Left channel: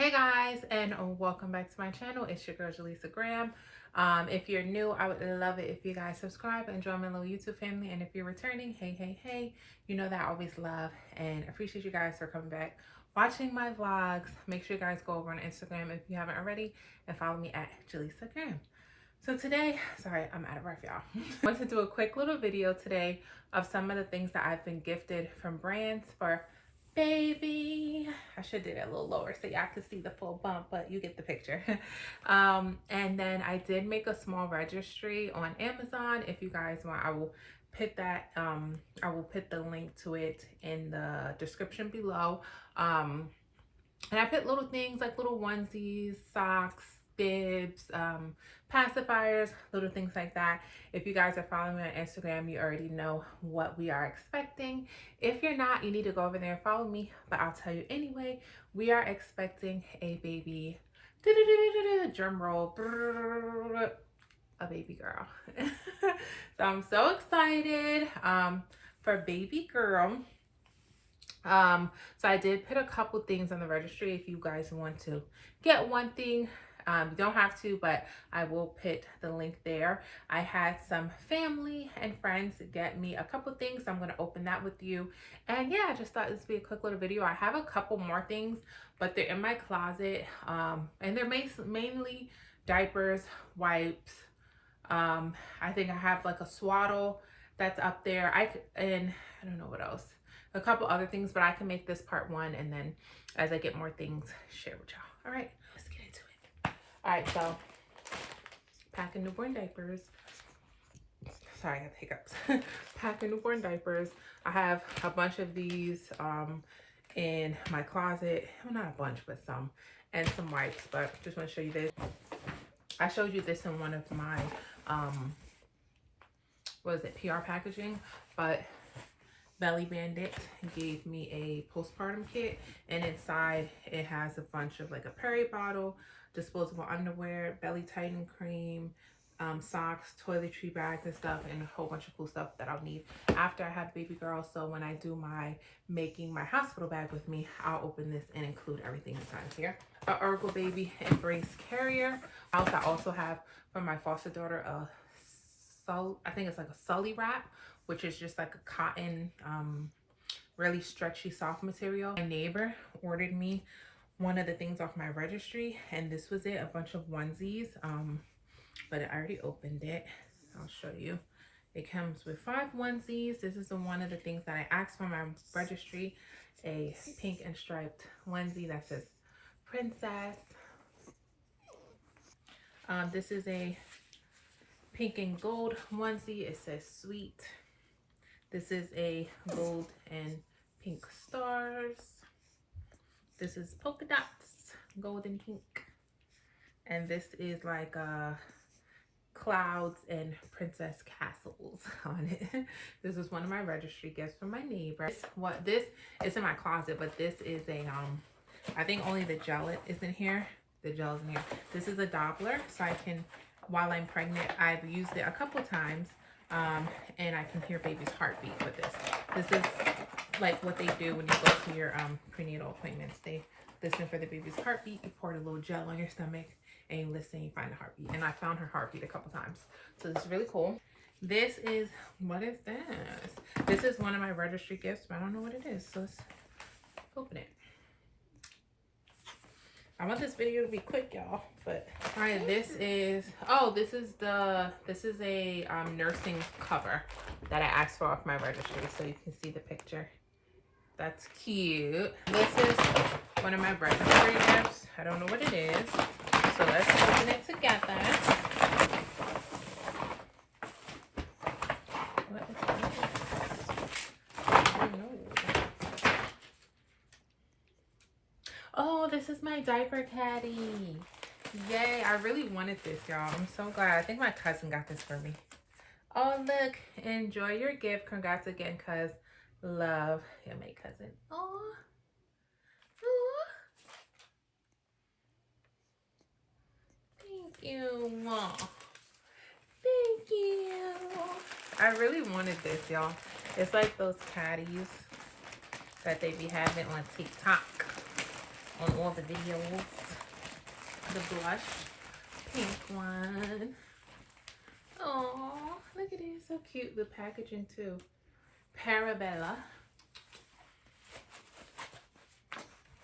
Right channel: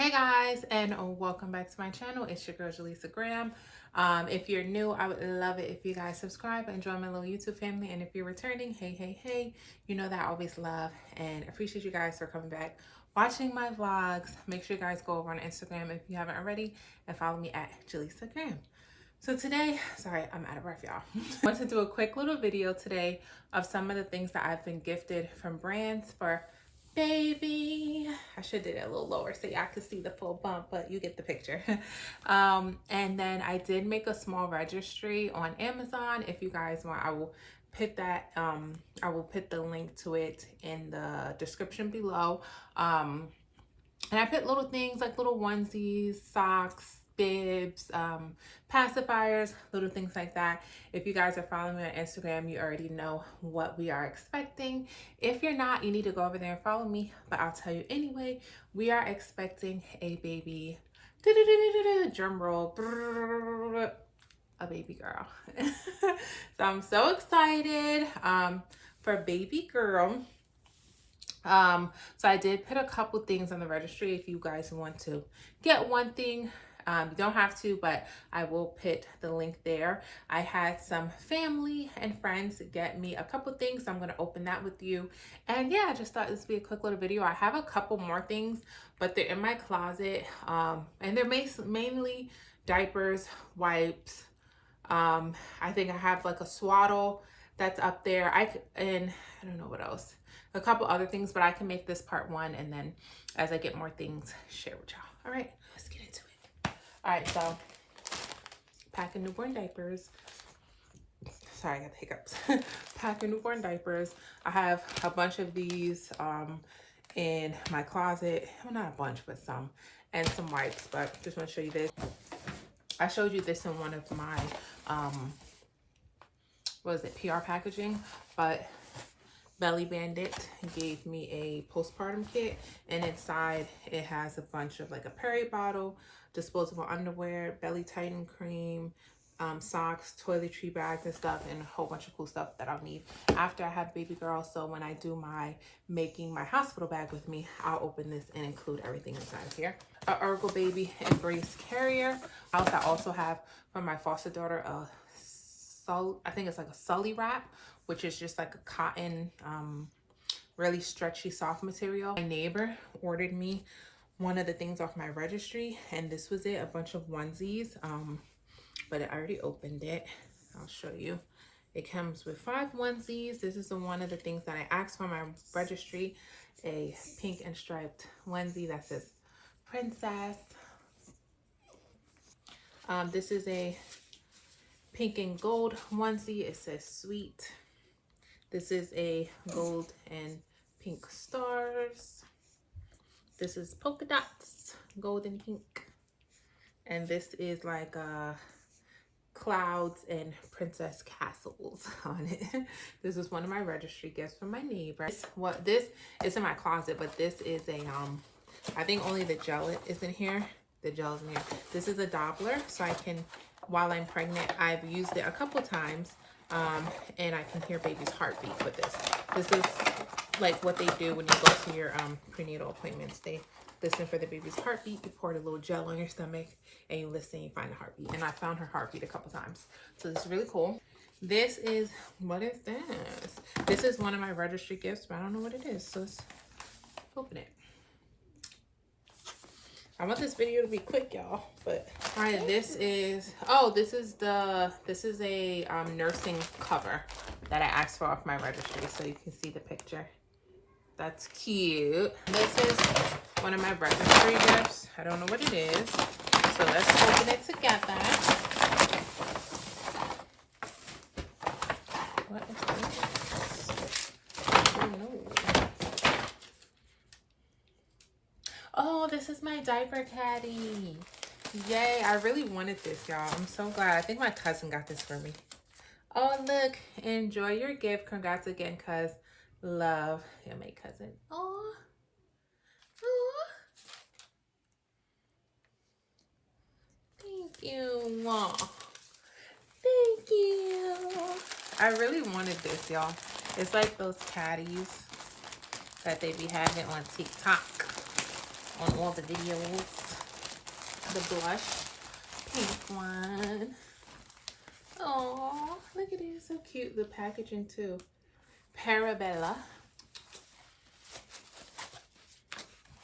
Hey guys, and welcome back to my channel. It's your girl Jaleesa Graham. If you're new, I would love it if you guys subscribe and join my little YouTube family. And if you're returning, hey, you know that I always love and appreciate you guys for coming back, watching my vlogs. Make sure you guys go over on Instagram if you haven't already and follow me at Jaleesa Graham. So today, sorry, I'm out of breath, y'all. I want to do a quick little video today of some of the things that I've been gifted from brands for baby. I should do that a little lower so y'all can see the full bump, but you get the picture. And then I did make a small registry on Amazon. If you guys want, I will put that, I will put the link to it in the description below. And I put little things like little onesies, socks, bibs, pacifiers, little things like that. If you guys are following me on Instagram, you already know what we are expecting. If you're not, you need to go over there and follow me, but I'll tell you anyway. We are expecting a baby, drum roll, a baby girl. So I'm so excited for baby girl. So I did put a couple things on the registry if you guys want to get one thing. You don't have to, but I will put the link there. I had some family and friends get me a couple things, so I'm going to open that with you. And yeah, I just thought this would be a quick little video. I have a couple more things, but they're in my closet, and they're mainly diapers, wipes. I think I have like a swaddle that's up there. And I don't know what else. A couple other things, but I can make this part one, and then as I get more things, share with y'all. All right, let's get into it. All right, so packing newborn diapers. Sorry, I got the hiccups. Packing newborn diapers. I have a bunch of these in my closet. Well, not a bunch, but some. And some wipes, but just want to show you this. I showed you this in one of my, what is it, PR packaging, but Belly Bandit gave me a postpartum kit, and inside it has a bunch of like a Perry bottle, disposable underwear, belly tighten cream, socks, toiletry bags and stuff, and a whole bunch of cool stuff that I'll need after I have baby girl. So when I do my making my hospital bag with me, I'll open this and include everything inside here. A Ergo Baby Embrace carrier. I also have from my foster daughter I think it's like a Sully wrap, which is just like a cotton, really stretchy, soft material. My neighbor ordered me one of the things off my registry, and this was it, a bunch of onesies, but I already opened it. I'll show you. It comes with 5 onesies. This is one of the things that I asked for my registry, a pink and striped onesie that says princess. This is a pink and gold onesie. It says sweet. This is a gold and pink stars. This is polka dots, gold and pink. And this is like clouds and princess castles on it. This is one of my registry gifts from my neighbor. This is in my closet, but this is a I think only the gel is in here. The gel is in here. This is a Doppler, so I can, while I'm pregnant, I've used it a couple times. And I can hear baby's heartbeat with this. This is like what they do when you go to your prenatal appointments. They listen for the baby's heartbeat. You pour a little gel on your stomach and you listen, you find the heartbeat. And I found her heartbeat a couple times. So this is really cool. This is, what is this? This is one of my registry gifts, but I don't know what it is. So let's open it. I want this video to be quick, y'all, but all right, this is a nursing cover that I asked for off my registry, so you can see the picture. That's cute. This is one of my registry gifts. I don't know what it is, so let's open it together. What is this? I don't know. Oh, this is my diaper caddy. Yay, I really wanted this, y'all. I'm so glad. I think my cousin got this for me. Oh, look. Enjoy your gift. Congrats again, cuz. Love. Yeah, my cousin. Oh. Oh. Thank you. Oh. Thank you. I really wanted this, y'all. It's like those caddies that they be having on TikTok. on all the videos. The blush pink one. Oh, look at it, so cute. The packaging too. Parabella.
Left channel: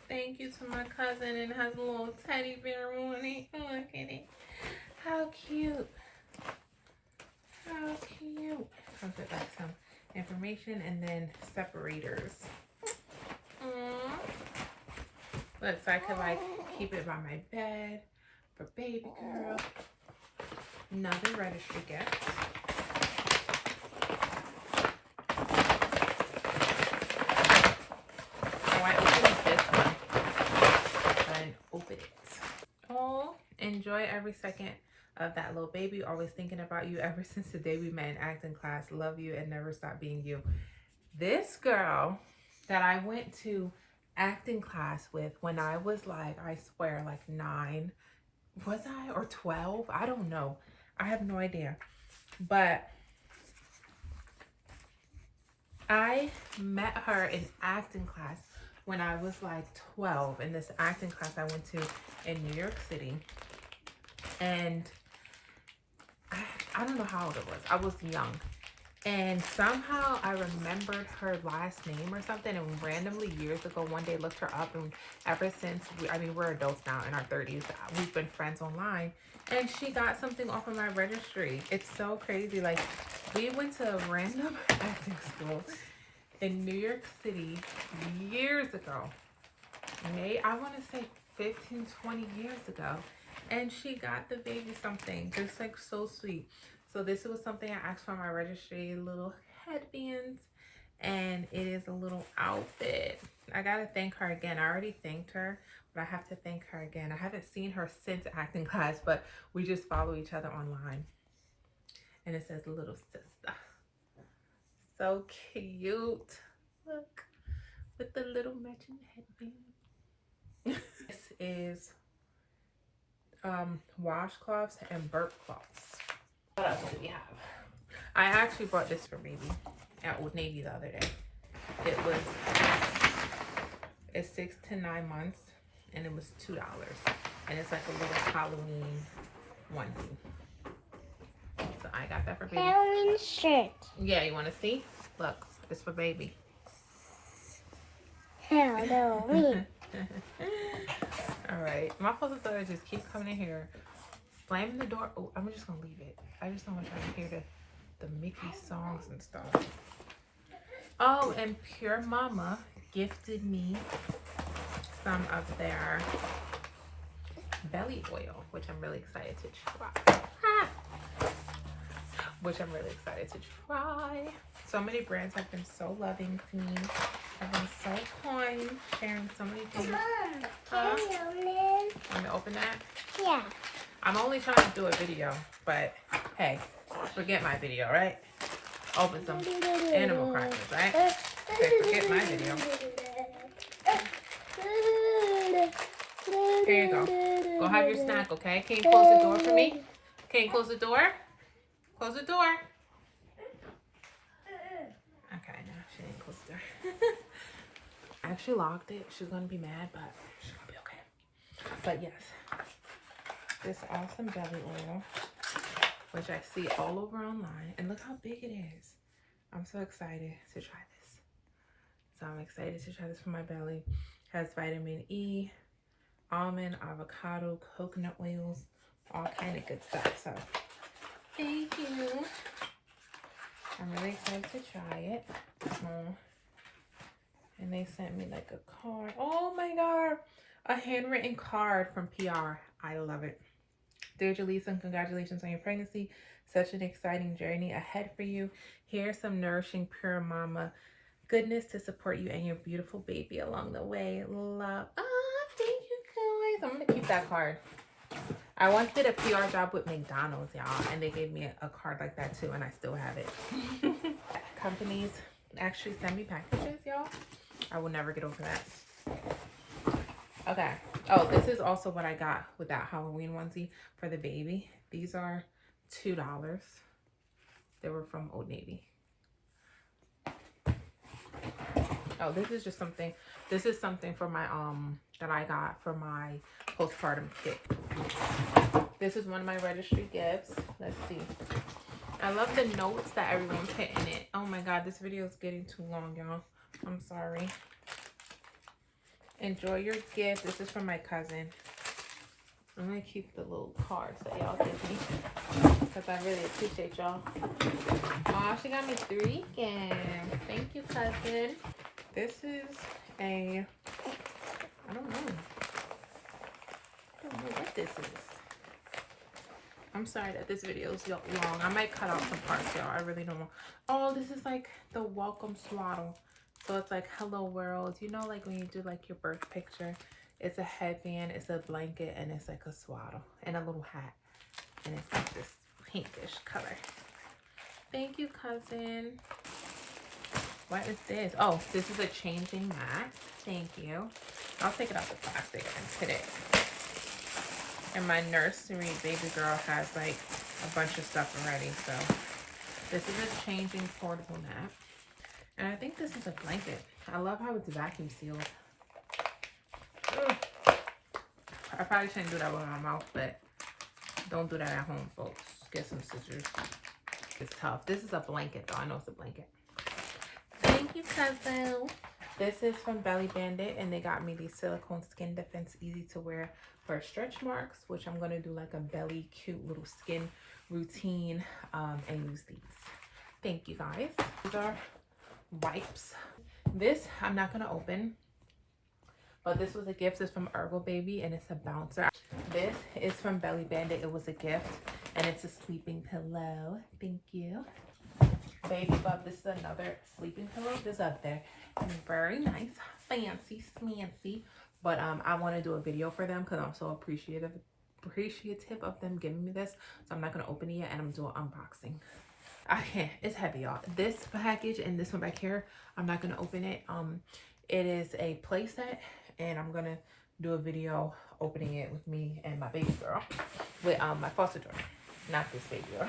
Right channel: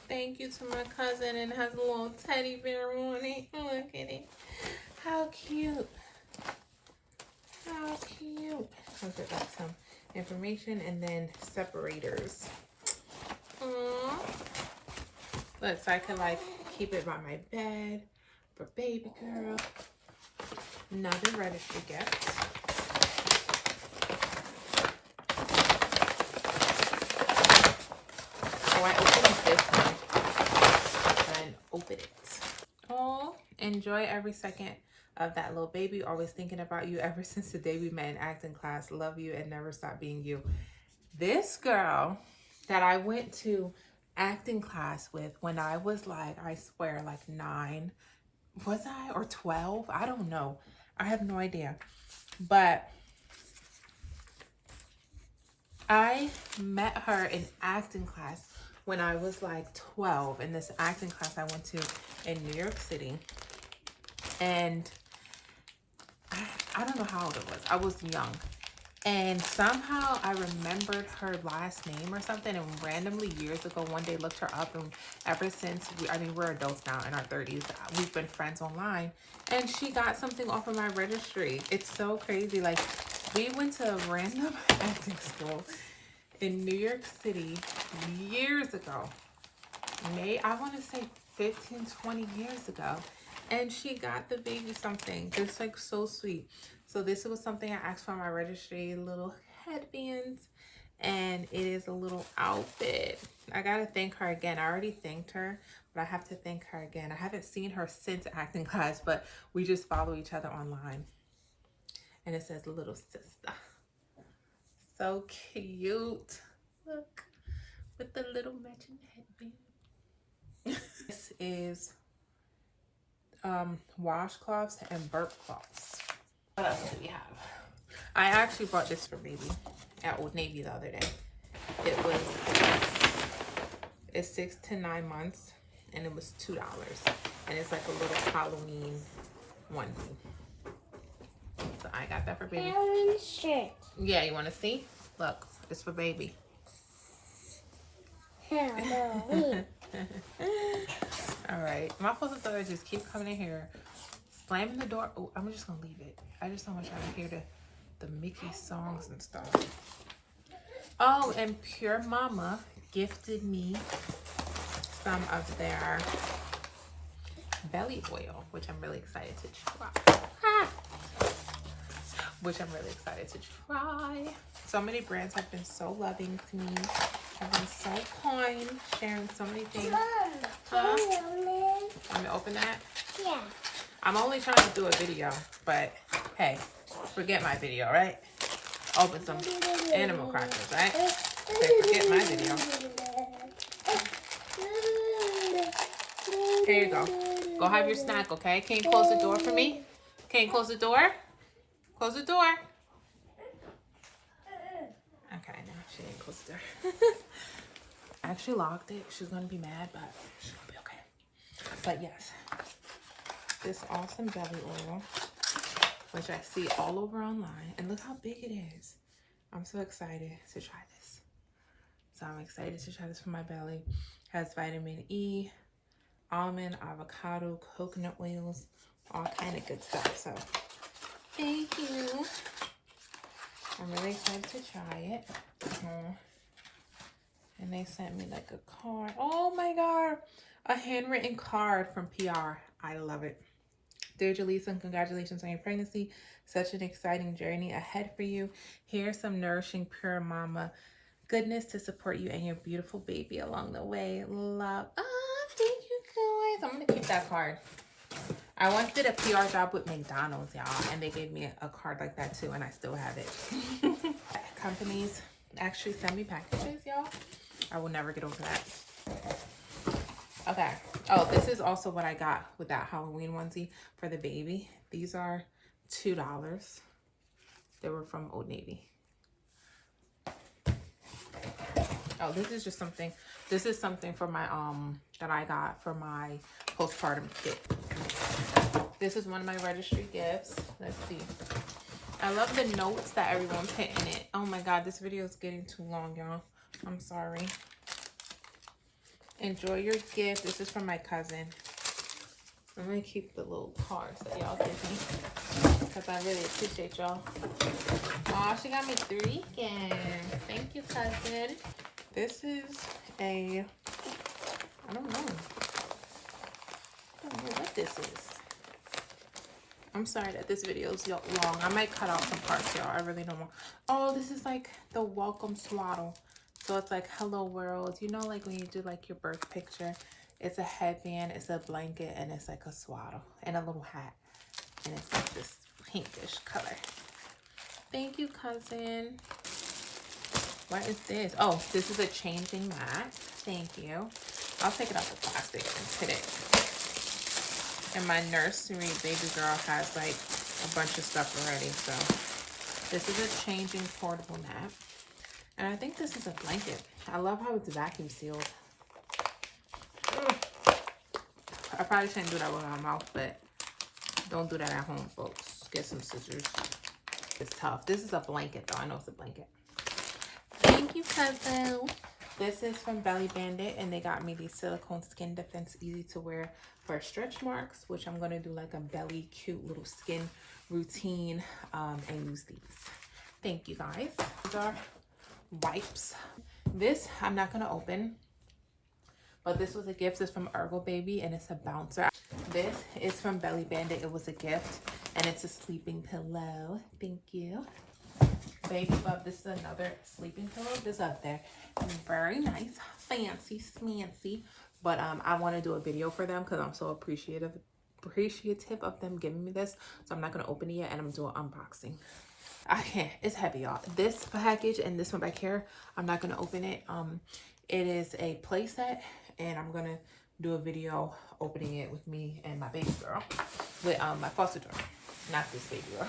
Thank you to my cousin, and it has a little teddy bear on it. Look at it. How cute. How cute. Comes with like some information and then separators. Aww. Look, so I could like keep it by my bed for baby girl. Another registry gift. Oh, I opened this one and open it. Oh, enjoy every second of that little baby. Always thinking about you ever since the day we met in acting class. Love you and never stop being you. This girl that I went to acting class with when I was like, I swear, like 9, was I, or 12? I don't know. I have no idea. But I met her in acting class when I was like 12 in this acting class I went to in New York City. And I don't know how old it was. I was young. And somehow I remembered her last name or something, and randomly years ago, one day looked her up, and ever since, we're adults now in our 30s, we've been friends online, and she got something off of my registry. It's so crazy. Like, we went to a random acting school in New York City years ago. I want to say 15, 20 years ago. And she got the baby something just like so sweet. So this was something I asked for my registry, little headbands, and it is a little outfit. I gotta thank her again. I already thanked her, but I have to thank her again. I haven't seen her since acting class, but we just follow each other online. And it says little sister. So cute. Look, with the little matching headband. This is washcloths and burp cloths. What else do we have? I actually bought this for baby at Old Navy the other day. It's 6 to 9 months, and it was $2. And it's like a little Halloween onesie. So I got that for baby. Shirt. Yeah, you want to see? Look, it's for baby. Hello. All right, my supposed to just keep coming in here, slamming the door. Oh, I'm just gonna leave it. I just don't want y'all to hear the Mickey songs and stuff. Oh, and Pure Mama gifted me some of their belly oil, which I'm really excited to try. So many brands have been so loving to me. I've been so kind, sharing so many things. Mom, Want me to open that? yeah. I'm only trying to do a video, but hey, forget my video, right? Open some animal crackers, right? Okay, forget my video. Here you go. Go have your snack, okay? Can you close the door for me? Can you close the door? Close the door. Okay, no, she didn't close the door. I actually locked it. She's gonna be mad, but she's gonna be okay. But yes, this awesome belly oil, which I see all over online, and look how big it is. I'm so excited to try this. So I'm excited to try this for my belly. Has vitamin E, almond, avocado, coconut oils, all kind of good stuff. So thank you. I'm really excited to try it. And they sent me like a card. Oh my God, a handwritten card from PR. I love it. Dear Jaleesa, congratulations on your pregnancy. Such an exciting journey ahead for you. Here's some nourishing Pure Mama goodness to support you and your beautiful baby along the way. Love. Ah, thank you guys. I'm gonna keep that card. I once did a PR job with McDonald's, y'all, and they gave me a card like that too, and I still have it. Companies actually send me packages, y'all. I will never get over that. Okay. Oh, this is also what I got with that Halloween onesie for the baby. These are $2. They were from Old Navy. Oh, this is just something. This is something for my that I got for my postpartum kit. This is one of my registry gifts. Let's see. I love the notes that everyone put in it. Oh my god, this video is getting too long, y'all. I'm sorry. Enjoy your gift. This is from my cousin. I'm gonna keep the little cards that y'all give me because I really appreciate y'all. Oh, she got me 3 gifts. Thank you, cousin. This is a, I don't know what this is. I'm sorry that this video is long. I might cut out some parts, y'all. I really don't want. Oh, this is like the welcome swaddle. So it's like hello world. You know, like when you do like your birth picture, it's a headband, it's a blanket, and it's like a swaddle and a little hat. And it's like this pinkish color. Thank you, cousin. What is this? Oh, this is a changing mat. Thank you. I'll take it out the plastic and put it. And my nursery baby girl has like a bunch of stuff already. So this is a changing portable mat. And I think this is a blanket. I love how it's vacuum sealed. Ugh. I probably shouldn't do that with my mouth, but don't do that at home, folks. Get some scissors. It's tough. This is a blanket though. I know it's a blanket. Thank you, cousin. This is from Belly Bandit, and they got me these silicone skin defense easy to wear for stretch marks, which I'm gonna do like a belly cute little skin routine and use these. Thank you, guys. These are wipes. This I'm not gonna open, but this was a gift. It's from Ergo Baby, and it's a bouncer. This is from Belly Bandit. It was a gift, and it's a sleeping pillow. Thank you. Baby Bub, this is another sleeping pillow. This up there, very nice, fancy smancy. But I want to do a video for them because I'm so appreciative of them giving me this. So I'm not gonna open it yet, and I'm doing unboxing. I can't. It's heavy, y'all. This package and this one back here, I'm not gonna open it. It is a play set, and I'm gonna do a video opening it with me and my baby girl, with my foster daughter, not this baby girl.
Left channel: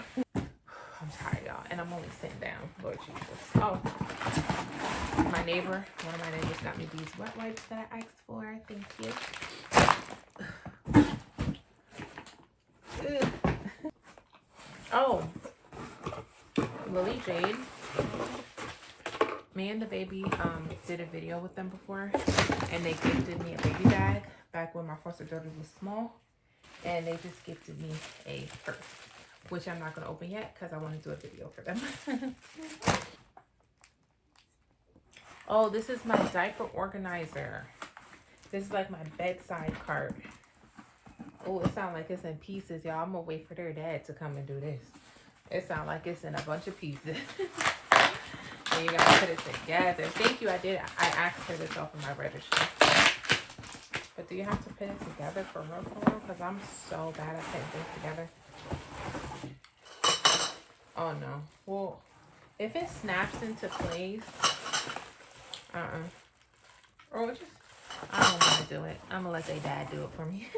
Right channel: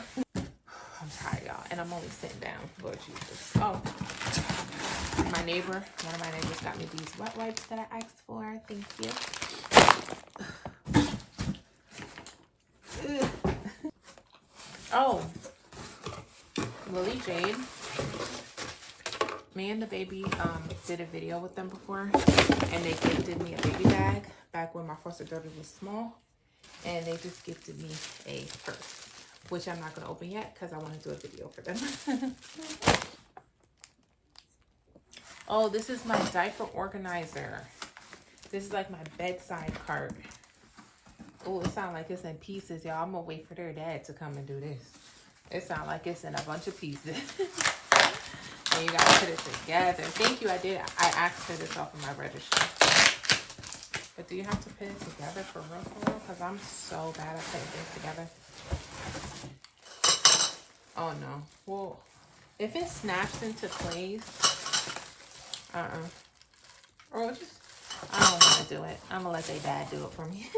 I'm tired, y'all, and I'm only sitting down. Lord Jesus. Oh, my neighbor, one of my neighbors got me these wet wipes that I asked for. Thank you. Oh, Lily Jade. Me and the baby did a video with them before, and they gifted me a baby bag back when my foster daughter was small, and they just gifted me a purse, which I'm not going to open yet because I want to do a video for them. Oh, this is my diaper organizer. This is like my bedside cart. Oh, it sounds like it's in pieces, y'all. I'm going to wait for their dad to come and do this. It sounds like it's in a bunch of pieces. And you got to put it together. Thank you. I asked for this off of my registry. But do you have to put it together for real? Because I'm so bad at putting things together. Oh, no. Well, if it snaps into place, or just, I don't want to do it. I'm going to let their dad do it for me.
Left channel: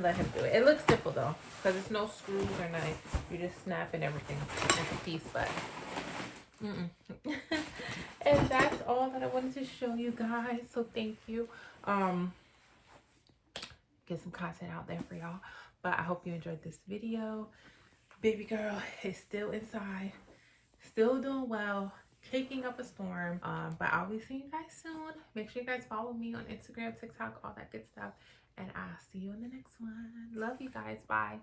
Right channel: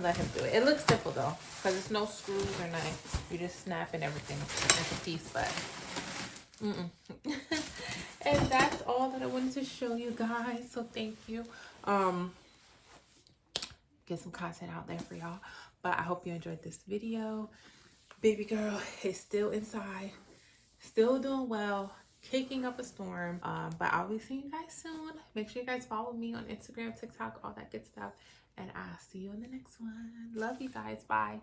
Let him do it. It looks simple, though, because it's no screws or nothing. You just snap and everything into piece, but and that's all that I wanted to show you guys. So thank you. Get some content out there for y'all. But I hope you enjoyed this video. Baby girl is still inside, still doing well, kicking up a storm. But I'll be seeing you guys soon. Make sure you guys follow me on Instagram, TikTok, all that good stuff. And I'll see you in the next one. Love you guys. Bye.